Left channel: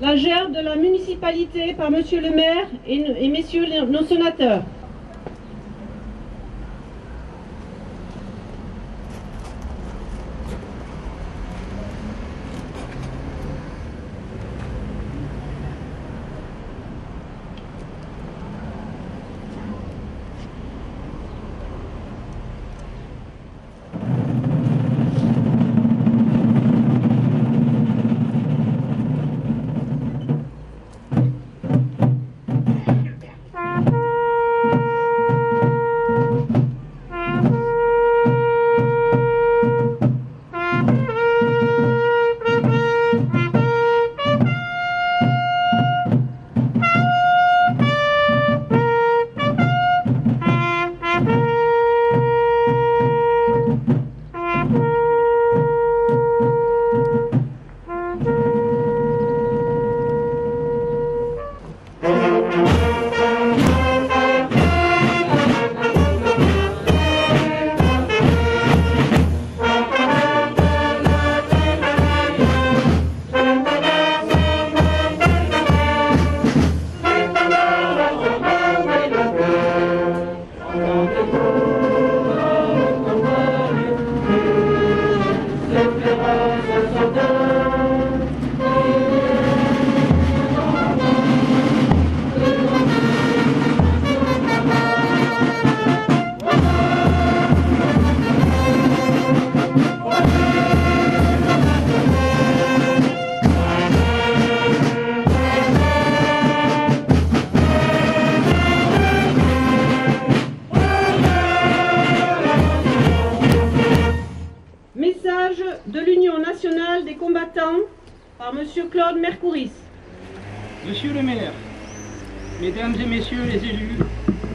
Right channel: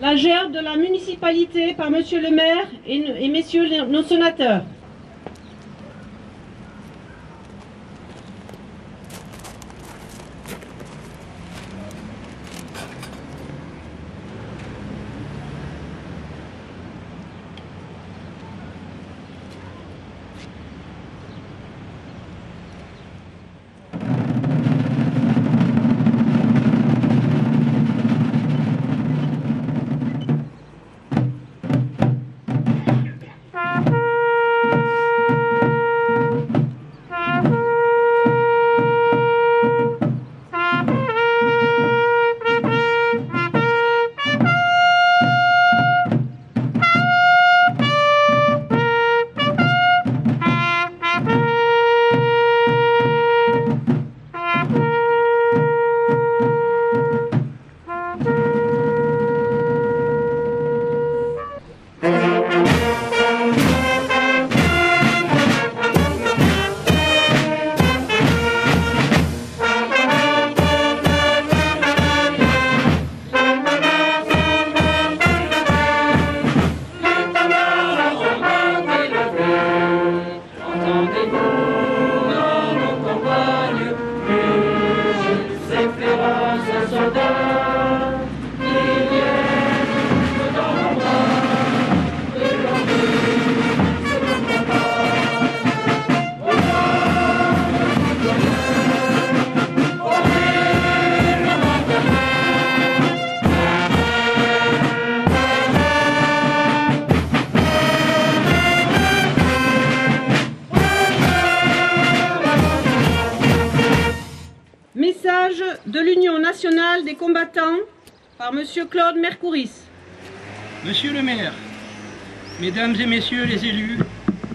La gerbe de la municipalité par Monsieur le maire et messieurs nos sénateurs. De l'Union nationale des combattants par Monsieur Claude Mercouris. Monsieur le maire, mesdames et messieurs les élus,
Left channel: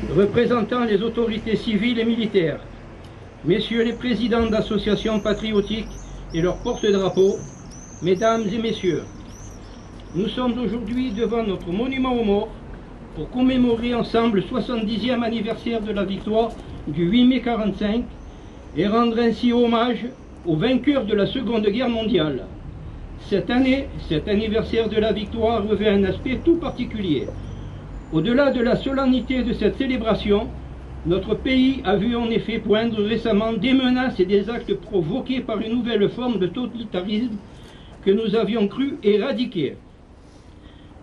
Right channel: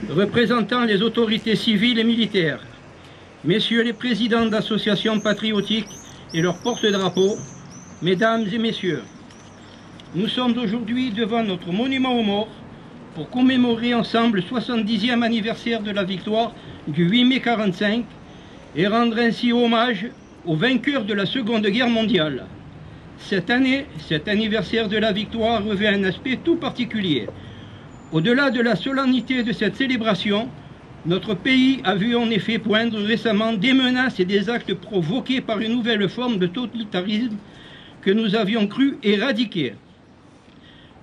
représentants les autorités civiles et militaires, messieurs les présidents d'associations patriotiques et leurs porte-drapeaux, mesdames et messieurs, nous sommes aujourd'hui devant notre monument aux morts pour commémorer ensemble le 70e anniversaire de la victoire du 8 mai 1945 et rendre ainsi hommage aux vainqueurs de la Seconde Guerre mondiale. Cette année, cet anniversaire de la victoire revêt un aspect tout particulier. Au-delà de la solennité de cette célébration, notre pays a vu en effet poindre récemment des menaces et des actes provoqués par une nouvelle forme de totalitarisme que nous avions cru éradiquer.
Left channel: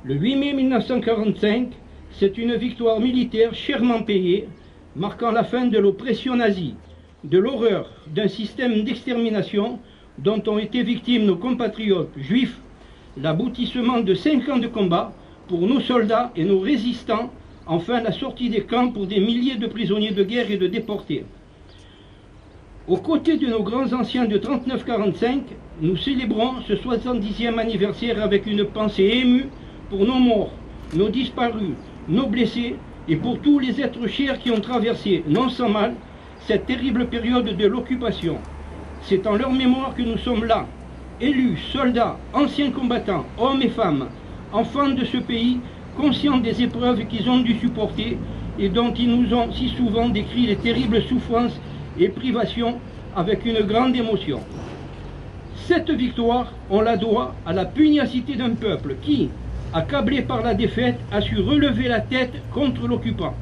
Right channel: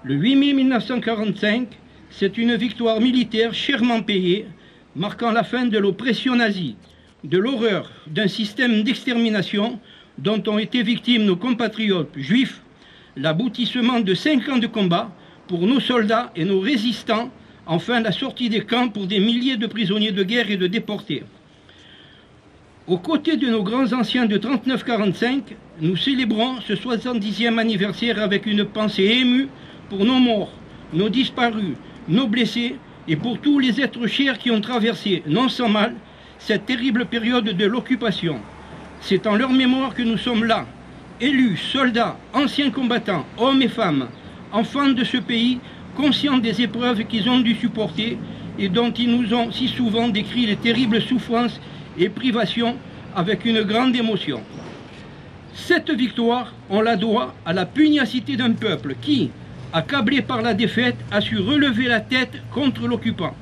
Le 8 mai 1945, c'est une victoire militaire chèrement payée, marquant la fin de l'oppression nazie, de l'horreur d'un système d'extermination dont ont été victimes nos compatriotes juifs, l'aboutissement de 5 ans de combat pour nos soldats et nos résistants, enfin la sortie des camps pour des milliers de prisonniers de guerre et de déportés. Aux côtés de nos grands anciens de 39-45, nous célébrons ce 70e anniversaire avec une pensée émue pour nos morts, nos disparus, nos blessés et pour tous les êtres chers qui ont traversé, non sans mal, cette terrible période de l'occupation. C'est en leur mémoire que nous sommes là, élus, soldats, anciens combattants, hommes et femmes, enfants de ce pays, conscients des épreuves qu'ils ont dû supporter et dont ils nous ont si souvent décrit les terribles souffrances et privations avec une grande émotion. Cette victoire, on la doit à la pugnacité d'un peuple qui, accablé par la défaite, a su relever la tête contre l'occupant.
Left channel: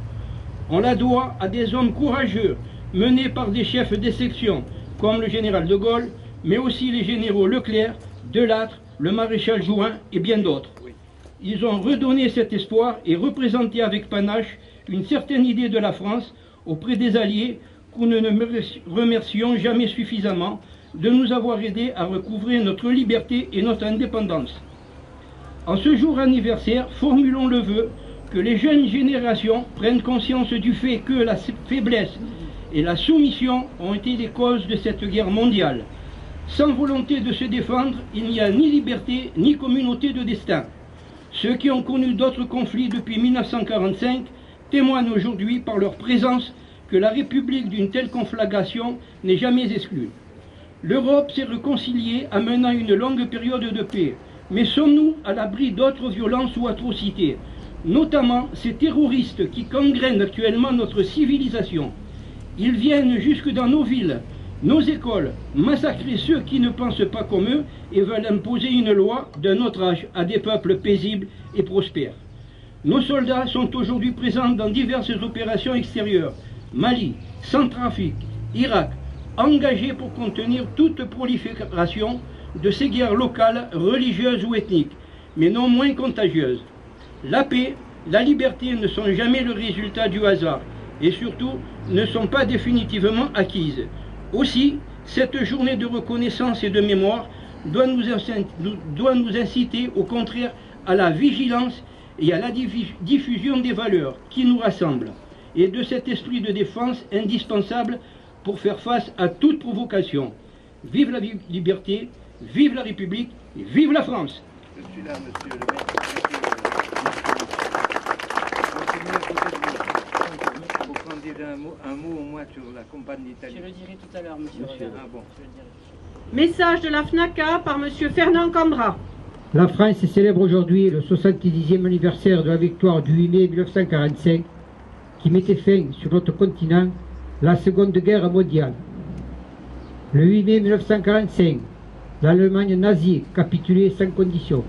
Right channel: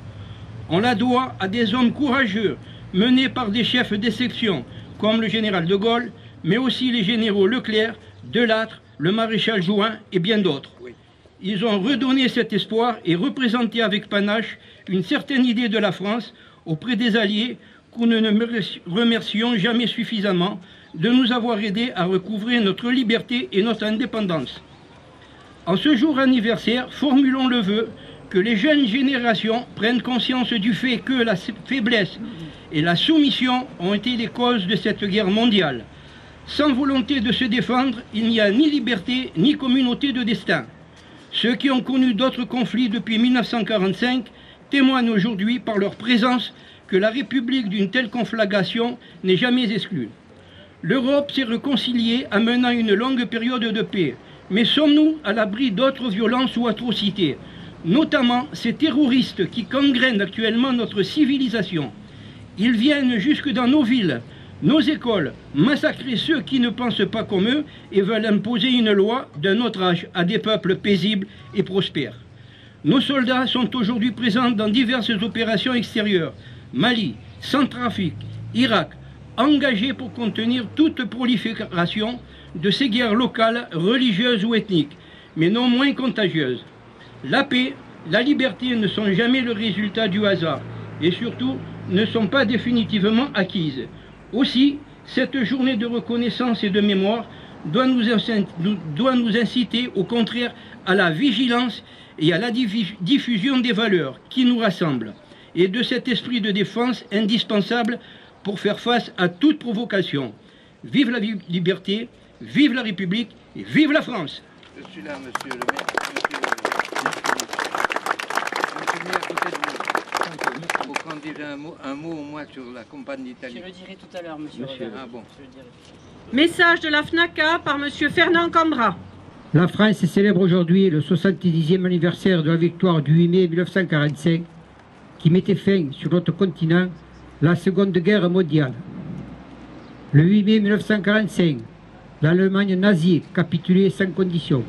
On la doit à des hommes courageux, menés par des chefs des sections, comme le général de Gaulle, mais aussi les généraux Leclerc, Delattre, le maréchal Juin et bien d'autres. Ils ont redonné cet espoir et représenté avec panache une certaine idée de la France auprès des Alliés que nous ne remercions jamais suffisamment de nous avoir aidés à recouvrer notre liberté et notre indépendance. En ce jour anniversaire, formulons le vœu que les jeunes générations prennent conscience du fait que la faiblesse et la soumission ont été les causes de cette guerre mondiale. Sans volonté de se défendre, il n'y a ni liberté ni communauté de destin. Ceux qui ont connu d'autres conflits depuis 1945 témoignent aujourd'hui par leur présence que la République d'une telle conflagration n'est jamais exclue. L'Europe s'est réconciliée en menant une longue période de paix. Mais sommes-nous à l'abri d'autres violences ou atrocités, notamment ces terroristes qui gangrènent actuellement notre civilisation? Ils viennent jusque dans nos villes, nos écoles, massacrer ceux qui ne pensent pas comme eux et veulent imposer une loi d'un autre âge à des peuples paisibles et prospères. Nos soldats sont aujourd'hui présents dans diverses opérations extérieures, Mali, Centrafrique, Irak, engagés pour contenir toute prolifération de ces guerres locales, religieuses ou ethniques, mais non moins contagieuses. La paix, la liberté ne sont jamais le résultat du hasard et surtout ne sont pas définitivement acquises. Aussi, cette journée de reconnaissance et de mémoire doit nous inciter au contraire à la vigilance et à la diffusion des valeurs qui nous rassemblent et de cet esprit de défense indispensable pour faire face à toute provocation. Vive la liberté, vive la République et vive la France! Je suis là, monsieur le maire. Vous pouvez dire un mot au moins sur la campagne d'Italie. Je le dirai tout à l'heure, monsieur. Ah bon. Message de la FNACA par monsieur Fernand Cambra. La France célèbre aujourd'hui le 70e anniversaire de la victoire du 8 mai 1945 qui mettait fin sur notre continent la Seconde Guerre mondiale. Le 8 mai 1945, l'Allemagne nazie capitulait sans condition.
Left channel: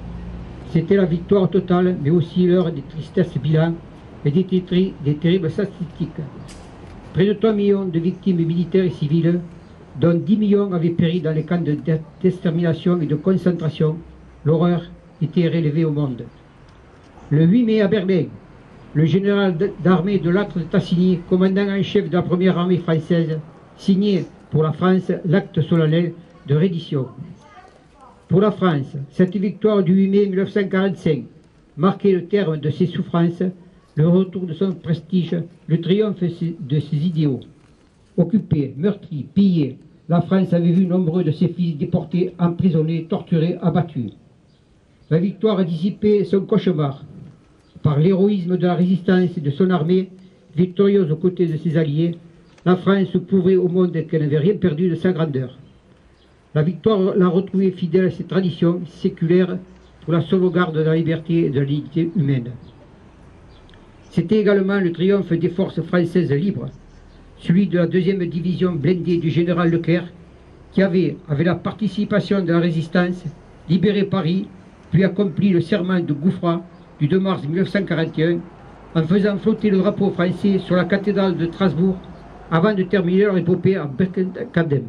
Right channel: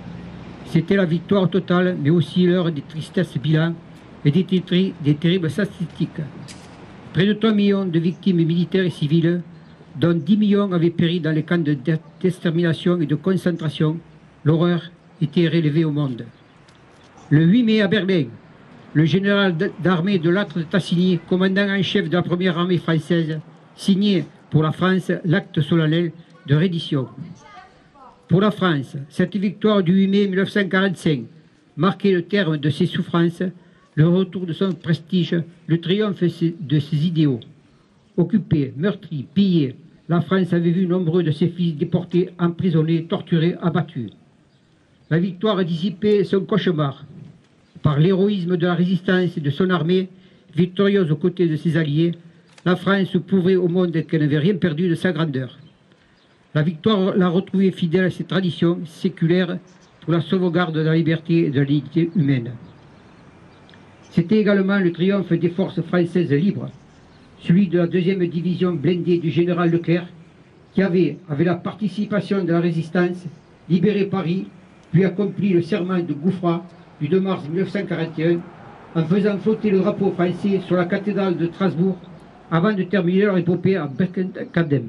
C'était la victoire totale, mais aussi l'heure des tristesses bilans et des terribles statistiques. Près de 3 millions de victimes militaires et civiles, dont 10 millions avaient péri dans les camps d'extermination et de concentration. L'horreur était relevée au monde. Le 8 mai à Berlin, le général d'armée de Lattre de Tassigny, commandant en chef de la première armée française, signait pour la France l'acte solennel de reddition. Pour la France, cette victoire du 8 mai 1945 marquait le terme de ses souffrances, le retour de son prestige, le triomphe de ses idéaux. Occupée, meurtrie, pillée, la France avait vu nombreux de ses fils déportés, emprisonnés, torturés, abattus. La victoire dissipait son cauchemar. Par l'héroïsme de la résistance et de son armée, victorieuse aux côtés de ses alliés, la France prouvait au monde qu'elle n'avait rien perdu de sa grandeur. La victoire l'a retrouvée fidèle à ses traditions séculaires pour la sauvegarde de la liberté et de la dignité humaine. C'était également le triomphe des forces françaises libres, celui de la 2e division blindée du général Leclerc, qui avait, avec la participation de la résistance, libéré Paris, puis accompli le serment de Gouffra du 2 mars 1941, en faisant flotter le drapeau français sur la cathédrale de Strasbourg, avant de terminer leur épopée à Berchtesgaden.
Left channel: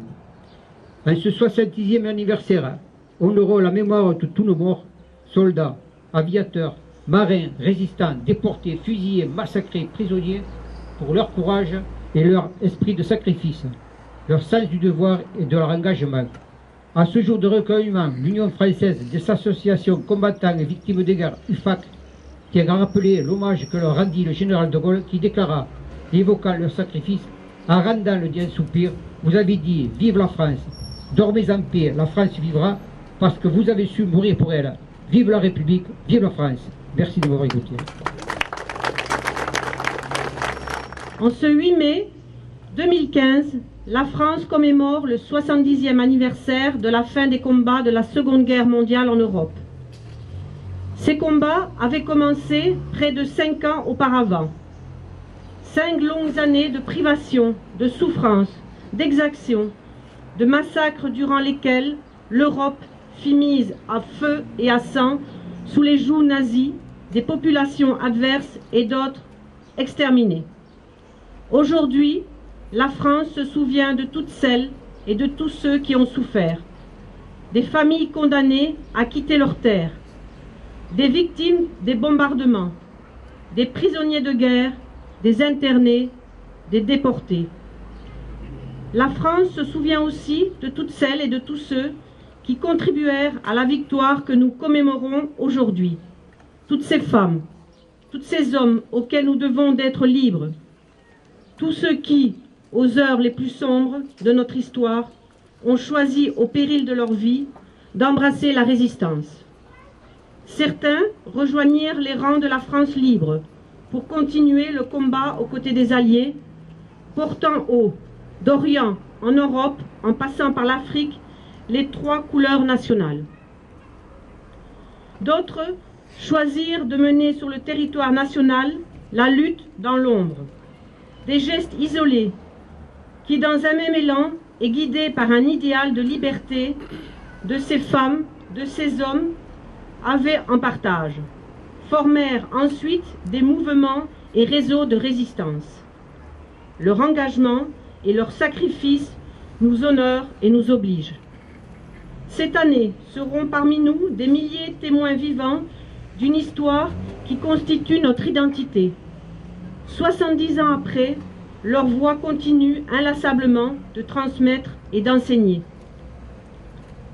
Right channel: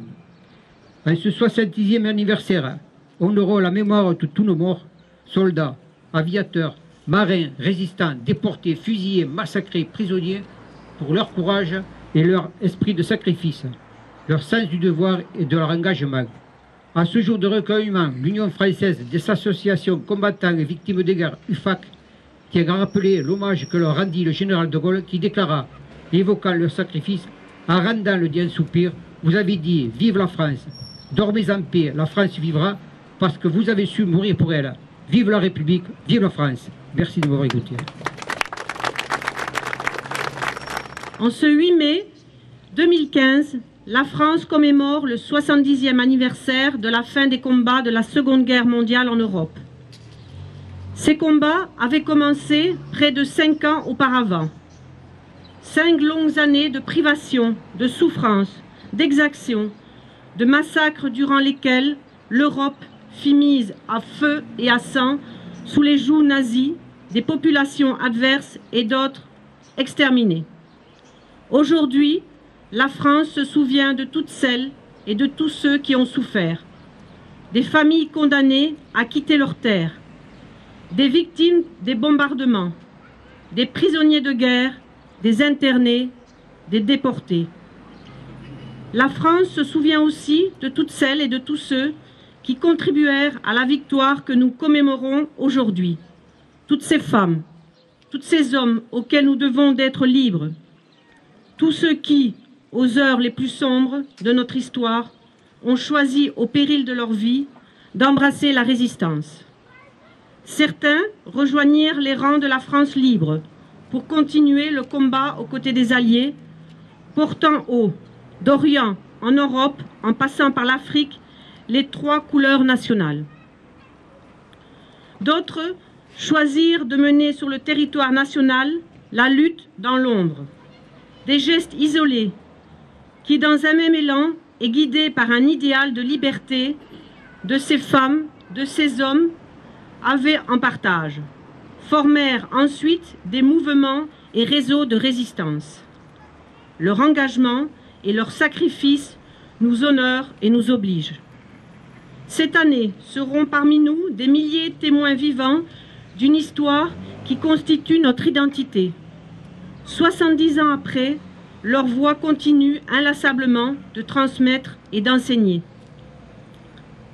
En ce 70e anniversaire, honorons la mémoire de tous nos morts, soldats, aviateurs, marins, résistants, déportés, fusillés, massacrés, prisonniers, pour leur courage et leur esprit de sacrifice, leur sens du devoir et de leur engagement. À ce jour de recueillement, l'Union française des associations combattants et victimes des guerres, UFAC, tient à rappeler l'hommage que leur rendit le général de Gaulle, qui déclara, évoquant leur sacrifice, en rendant le dernier soupir, vous avez dit « Vive la France ! Dormez en paix, la France vivra, parce que vous avez su mourir pour elle. Vive la République, vive la France !» Merci de m'avoir écouté. En ce 8 mai 2015, la France commémore le 70e anniversaire de la fin des combats de la Seconde Guerre mondiale en Europe. Ces combats avaient commencé près de 5 ans auparavant. 5 longues années de privation, de souffrance, d'exaction, de massacres durant lesquels l'Europe fit mise à feu et à sang sous les jougs nazis, des populations adverses et d'autres exterminées. Aujourd'hui, la France se souvient de toutes celles et de tous ceux qui ont souffert, des familles condamnées à quitter leurs terres, des victimes des bombardements, des prisonniers de guerre, des internés, des déportés. La France se souvient aussi de toutes celles et de tous ceux qui contribuèrent à la victoire que nous commémorons aujourd'hui. Toutes ces femmes, tous ces hommes auxquels nous devons d'être libres, tous ceux qui, aux heures les plus sombres de notre histoire, ont choisi au péril de leur vie d'embrasser la résistance. Certains rejoignirent les rangs de la France libre pour continuer le combat aux côtés des Alliés, portant haut, d'Orient en Europe, en passant par l'Afrique, les 3 couleurs nationales. D'autres choisirent de mener sur le territoire national la lutte dans l'ombre. Des gestes isolés qui, dans un même élan, est guidé par un idéal de liberté de ces femmes, de ces hommes, avaient en partage, formèrent ensuite des mouvements et réseaux de résistance. Leur engagement et leur sacrifice nous honorent et nous obligent. Cette année seront parmi nous des milliers de témoins vivants d'une histoire qui constitue notre identité. 70 ans après, leur voix continue inlassablement de transmettre et d'enseigner.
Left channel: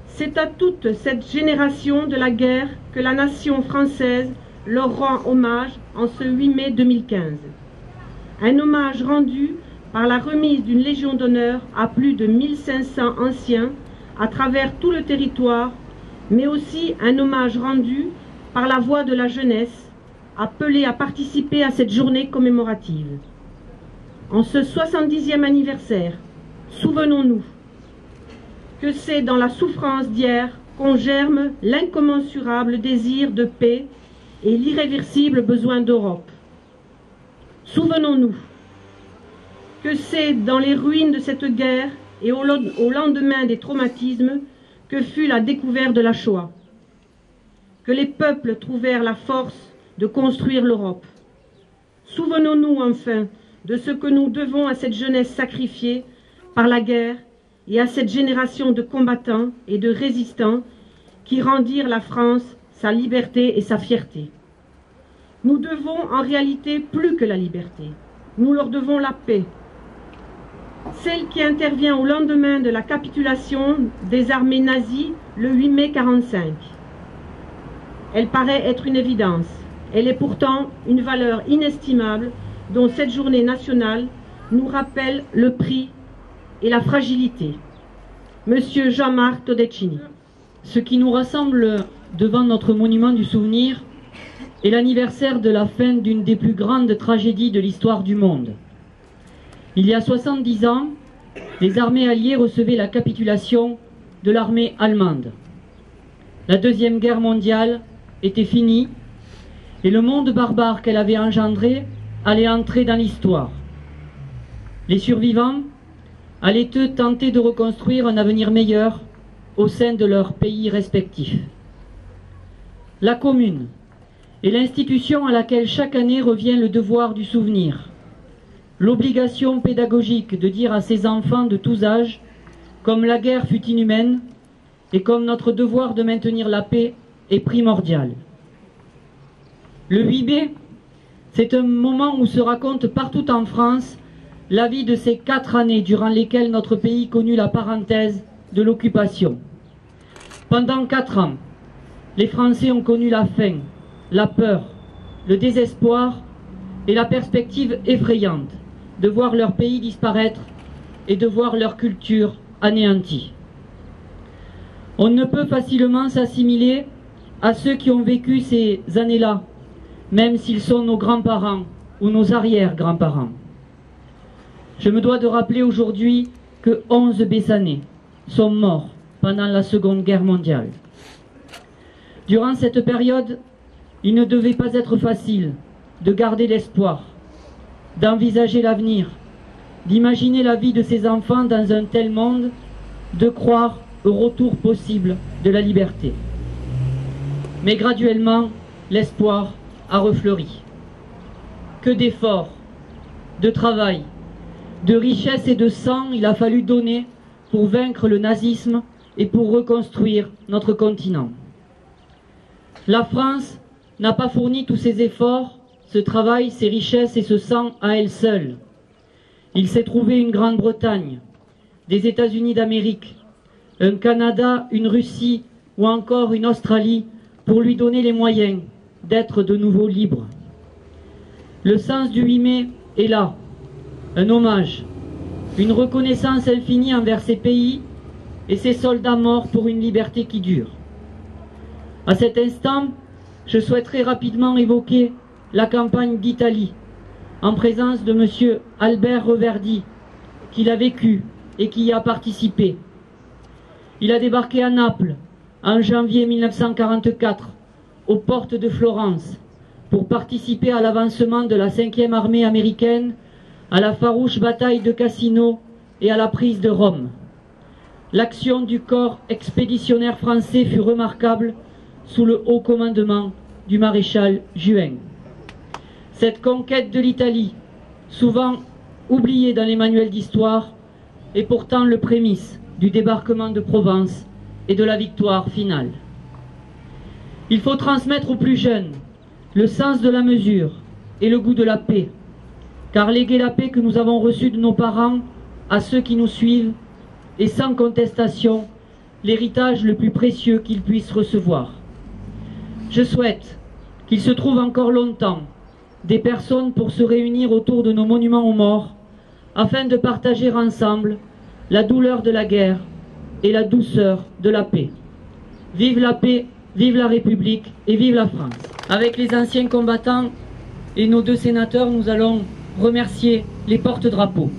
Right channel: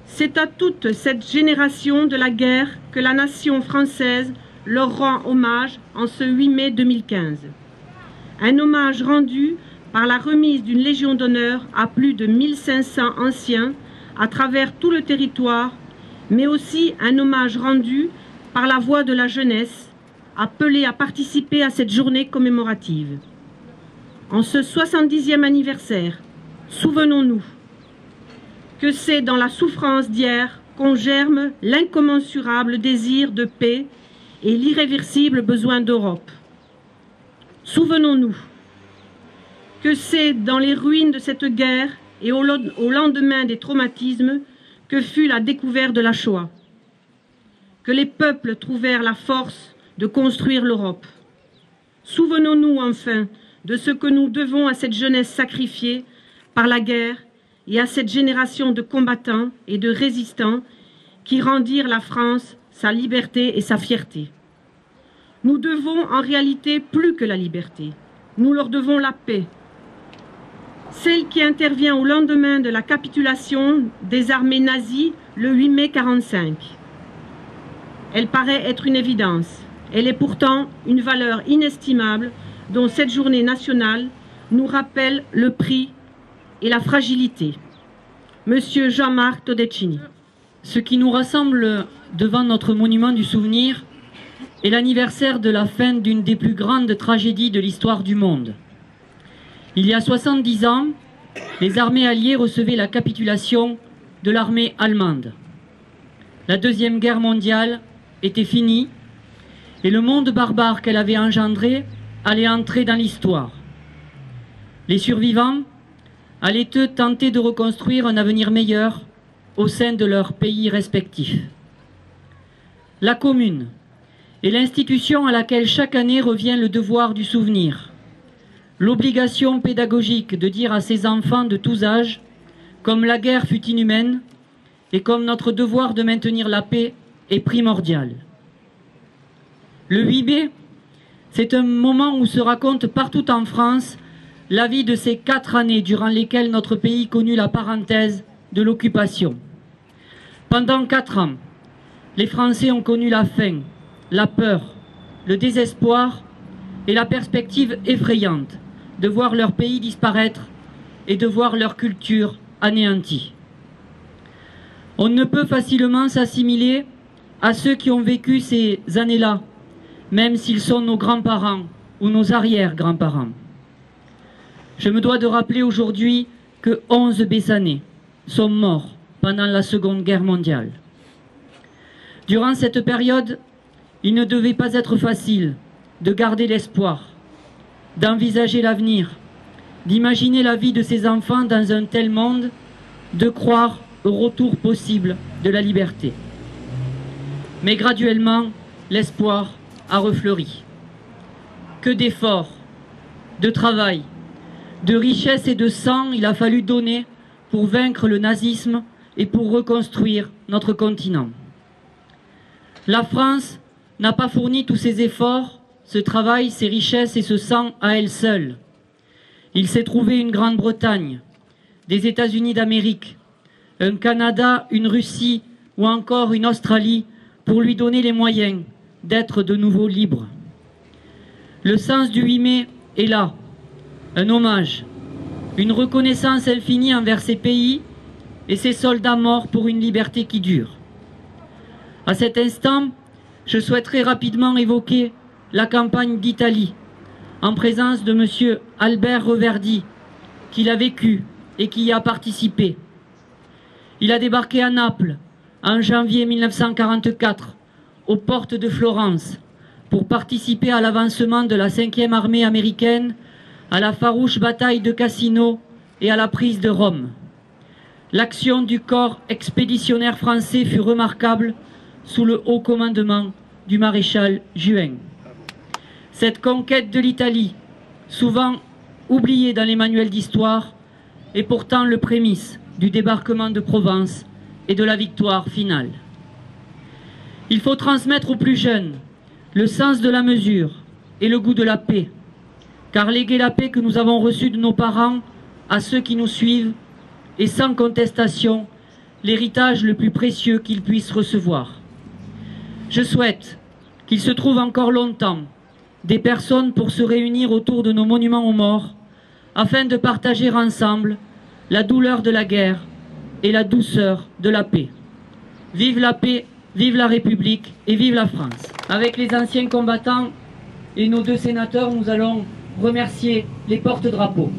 C'est à toute cette génération de la guerre que la nation française leur rend hommage en ce 8 mai 2015. Un hommage rendu par la remise d'une Légion d'honneur à plus de 1500 anciens à travers tout le territoire, mais aussi un hommage rendu par la voix de la jeunesse, appelée à participer à cette journée commémorative. En ce 70e anniversaire, souvenons-nous que c'est dans la souffrance d'hier qu'on germe l'incommensurable désir de paix et l'irréversible besoin d'Europe. Souvenons-nous que c'est dans les ruines de cette guerre et au lendemain des traumatismes que fut la découverte de la Shoah, que les peuples trouvèrent la force de construire l'Europe. Souvenons-nous enfin de ce que nous devons à cette jeunesse sacrifiée par la guerre et à cette génération de combattants et de résistants qui rendirent la France sa liberté et sa fierté. Nous devons en réalité plus que la liberté, nous leur devons la paix, celle qui intervient au lendemain de la capitulation des armées nazies le 8 mai 1945. Elle paraît être une évidence, elle est pourtant une valeur inestimable dont cette journée nationale nous rappelle le prix et la fragilité. Monsieur Jean-Marc Todeschini. Ce qui nous rassemble devant notre monument du souvenir est l'anniversaire de la fin d'une des plus grandes tragédies de l'histoire du monde. Il y a 70 ans, les armées alliées recevaient la capitulation de l'armée allemande. La Deuxième Guerre mondiale était finie et le monde barbare qu'elle avait engendré allait entrer dans l'histoire. Les survivants allaient eux tenter de reconstruire un avenir meilleur au sein de leurs pays respectifs. La commune est l'institution à laquelle chaque année revient le devoir du souvenir, l'obligation pédagogique de dire à ses enfants de tous âges, comme la guerre fut inhumaine et comme notre devoir de maintenir la paix est primordial. Le 8 mai, c'est un moment où se raconte partout en France la vie de ces 4 années durant lesquelles notre pays connut la parenthèse de l'occupation. Pendant 4 ans, les Français ont connu la faim, la peur, le désespoir et la perspective effrayante de voir leur pays disparaître et de voir leur culture anéantie. On ne peut facilement s'assimiler à ceux qui ont vécu ces années-là, même s'ils sont nos grands-parents ou nos arrière-grands-parents. Je me dois de rappeler aujourd'hui que 11 Bessanais sont morts pendant la Seconde Guerre mondiale. Durant cette période, il ne devait pas être facile de garder l'espoir, d'envisager l'avenir, d'imaginer la vie de ses enfants dans un tel monde, de croire au retour possible de la liberté. Mais graduellement, l'espoir a refleuri. Que d'efforts, de travail, de richesse et de sang il a fallu donner pour vaincre le nazisme et pour reconstruire notre continent. La France n'a pas fourni tous ces efforts, ce travail, ces richesses et ce sang à elle seule. Il s'est trouvé une Grande-Bretagne, des États-Unis d'Amérique, un Canada, une Russie ou encore une Australie pour lui donner les moyens d'être de nouveau libre. Le sens du 8 mai est là, un hommage, une reconnaissance infinie envers ces pays et ces soldats morts pour une liberté qui dure. À cet instant, je souhaiterais rapidement évoquer la campagne d'Italie, en présence de M. Albert Reverdy, qui l'a vécu et qui y a participé. Il a débarqué à Naples en janvier 1944, aux portes de Florence, pour participer à l'avancement de la 5e armée américaine, à la farouche bataille de Cassino et à la prise de Rome. L'action du corps expéditionnaire français fut remarquable sous le haut commandement du maréchal Juin. Cette conquête de l'Italie, souvent oubliée dans les manuels d'histoire, est pourtant le prémisse du débarquement de Provence et de la victoire finale. Il faut transmettre aux plus jeunes le sens de la mesure et le goût de la paix, car léguer la paix que nous avons reçue de nos parents à ceux qui nous suivent est sans contestation l'héritage le plus précieux qu'ils puissent recevoir. Je souhaite qu'il se trouve encore longtemps des personnes pour se réunir autour de nos monuments aux morts afin de partager ensemble la douleur de la guerre et la douceur de la paix. Vive la paix, vive la République et vive la France. Avec les anciens combattants et nos 2 sénateurs, nous allons remercier les porte-drapeaux.